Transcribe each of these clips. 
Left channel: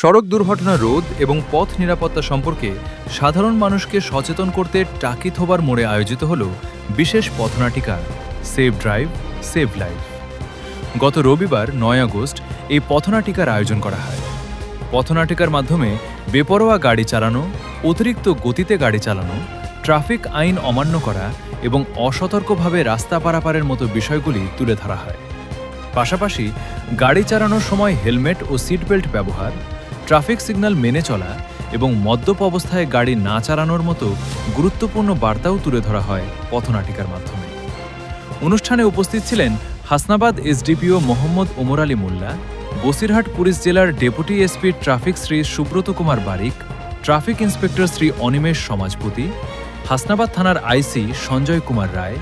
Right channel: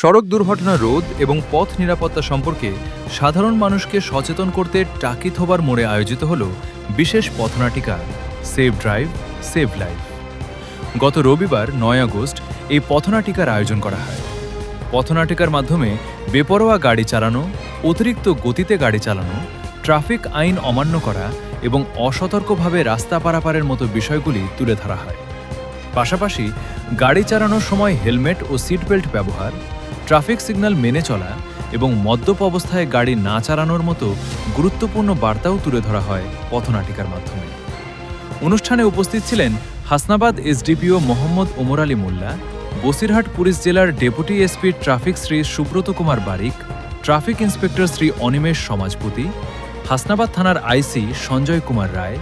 সড়ক দুর্ঘটনা রোধ এবং পথ নিরাপত্তা সম্পর্কে সাধারণ মানুষকে সচেতন করতে টাকিথোবার মোড়ে আয়োজিত হল বিশেষ পথনাটিকা সেভ ড্রাইভ সেভ লাইফ। গত রবিবার ৯ আগস্ট এই পথনাটিকার আয়োজন করা হয়। পথনাটিকার মাধ্যমে বেপরোয়া গাড়ি চালানো, অতিরিক্ত গতিতে গাড়ি চালানো, ট্রাফিক আইন অমান্য করা এবং অসতর্কভাবে রাস্তা পারাপারের মতো বিষয়গুলি তুলে ধরা হয়। পাশাপাশি গাড়ি চালানোর সময় হেলমেট ও সিটবেল্ট ব্যবহার, ট্রাফিক সিগন্যাল মেনে চলা এবং মদ্যপ অবস্থায় গাড়ি না চালানোর মতো গুরুত্বপূর্ণ বার্তাও তুলে ধরা হয় পথনাটিকার মাধ্যমে। অনুষ্ঠানে উপস্থিত ছিলেন হাসনাবাদ এসডিপিও মোহাম্মদ ওমর আলী মোল্লা, বসিরহাট পুলিশ জেলার deputy SP traffic Shri Subrata Kumar Barik, traffic inspector Shri Animesh Samajpati, Hasnabad থানার IC Sanjay Kumar Roy,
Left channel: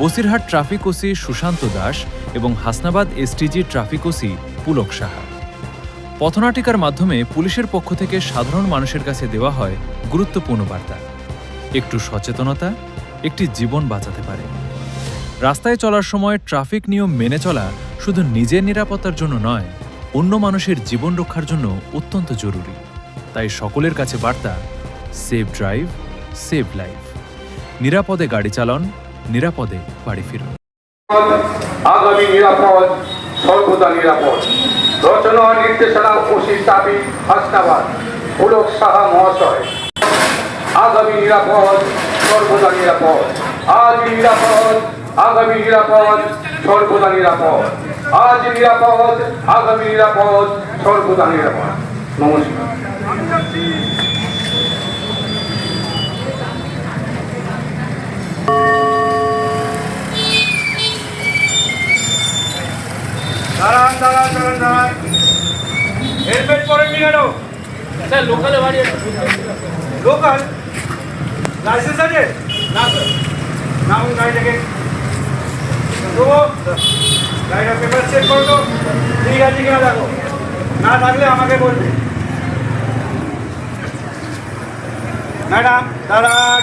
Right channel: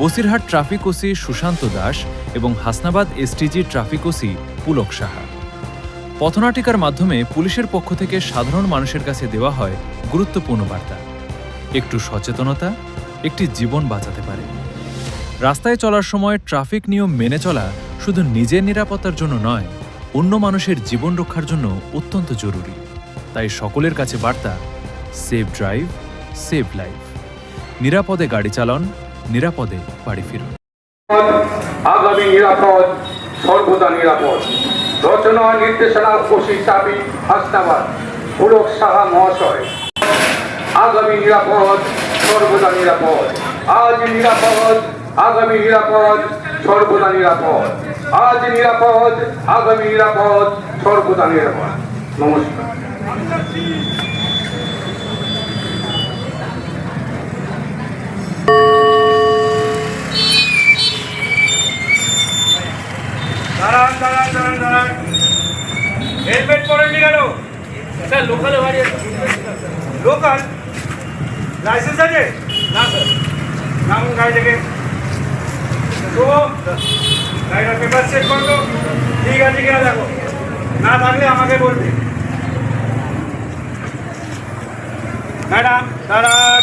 Basirhat traffic OC Sushanta Das এবং Hasnabad STG traffic OC Pulak Saha. পথনাটিকার মাধ্যমে পুলিশের পক্ষ থেকে সাধারণ মানুষের কাছে দেওয়া হয় গুরুত্বপূর্ণ বার্তা। একটু সচেতনতা একটি জীবন বাঁচাতে পারে। রাস্তায় চলার সময় ট্রাফিক নিয়ম মেনে চলা শুধু নিজের নিরাপত্তার জন্য নয়, অন্য মানুষের জীবন রক্ষার জন্য অত্যন্ত জরুরি। তাই সকলের কাছে বার্তা, সেভ ড্রাইভ সেভ লাইফ। নিরাপদে গাড়ি চালান, নিরাপদে বাড়ি ফিরুন। আগামী নিরাপদ, সর্বদা নিরাপদ। রচনা নির্দেশনা ওসি চাবি হাসনাবাদ পুলক সাহা মহাশয়। আগামী নিরাপদ, সর্বদা নিরাপদ। আজ নিরাপদ, আগামী নিরাপদ, সর্বদা নিরাপদ। আজ নিরাপদ, আগামী নিরাপদ, সর্বদা নিরাপদ। নমস্কার। দাঁড়ান। হেলমেট পরেননি কেন? স্যার লোকালে বাড়ি আছে। লোকাল লাইসেন্স আছে না স্যার? নামুন গাড়ি থেকে। গাড়িটার পেপার চেক করো তো, ঠিক আছে কিনা দেখো। না থাকলে আমাকে বলবে। ম্যাডাম দাঁড়ান,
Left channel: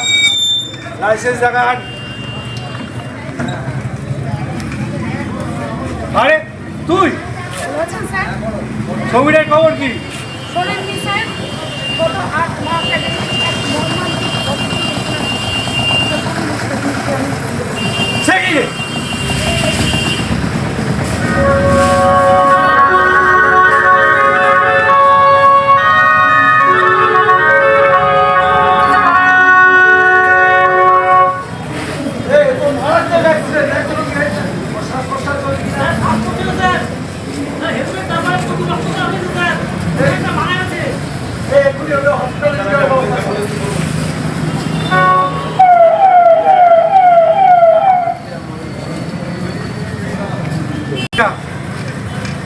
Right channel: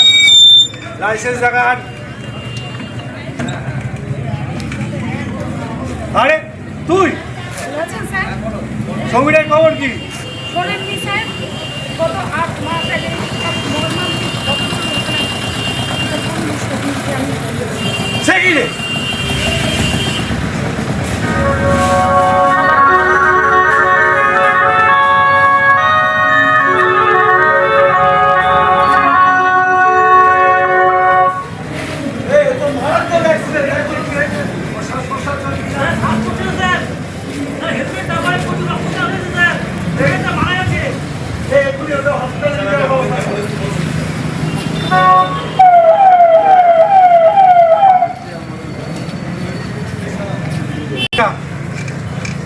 লাইসেন্স দেখান। আরে তুই ছবিটার খবর কি? শোনেননি স্যার, গত ৮ মাস আগে মর্মান্তিক সে কি রে?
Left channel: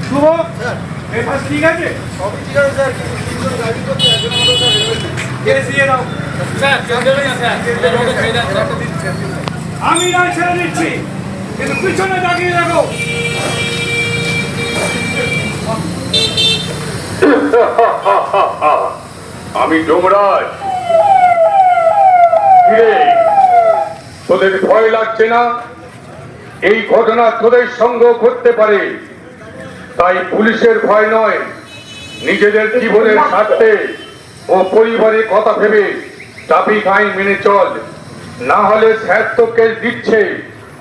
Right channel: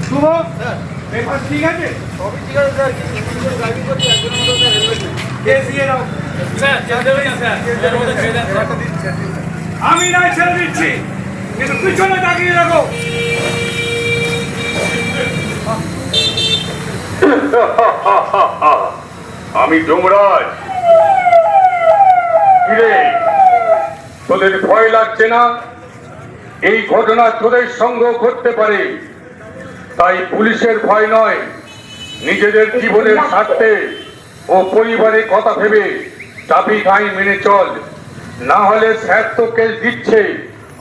শুভ পেপার ঠিক আছে? সবই ঠিক আছে স্যার, কিন্তু তিনজন ড্রাইভিং করছে, একজনের মতো স্যার হেলমেট নেই। কেস দিয়ে দাও। স্যার কেউ দেবে না স্যার, কেসের মধ্যে ছেড়ে দেন স্যার। আমি না ছেড়ে দিচ্ছি, কিন্তু পিছনে তাকিয়ে দেখো। আমি যমরাজ। কিরে, তোদের ভয় লাগছে না? এই ঘটনা তোদের সঙ্গে ঘটতে পারে, তাই পুলিশের ভয় নয়, নিজেদের জীবনের স্বার্থে ও পরিবারের কথা ভেবে ট্রাফিক আইন মেনে চল, না হলে স্যার তো কেস দিচ্ছে,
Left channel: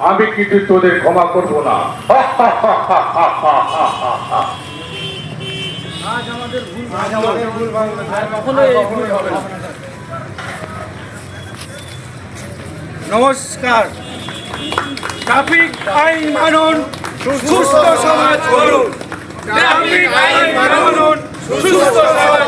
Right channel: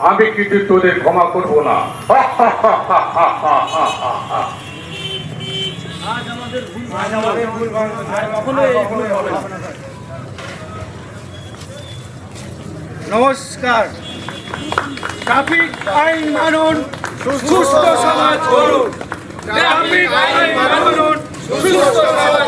আমি কিছু তোদের ক্ষমা করব না। নমস্কার। ট্রাফিক আইন মানুন, সুস্থ সমাজ গড়ুন। ট্রাফিক আইন মানুন, সুস্থ সমাজ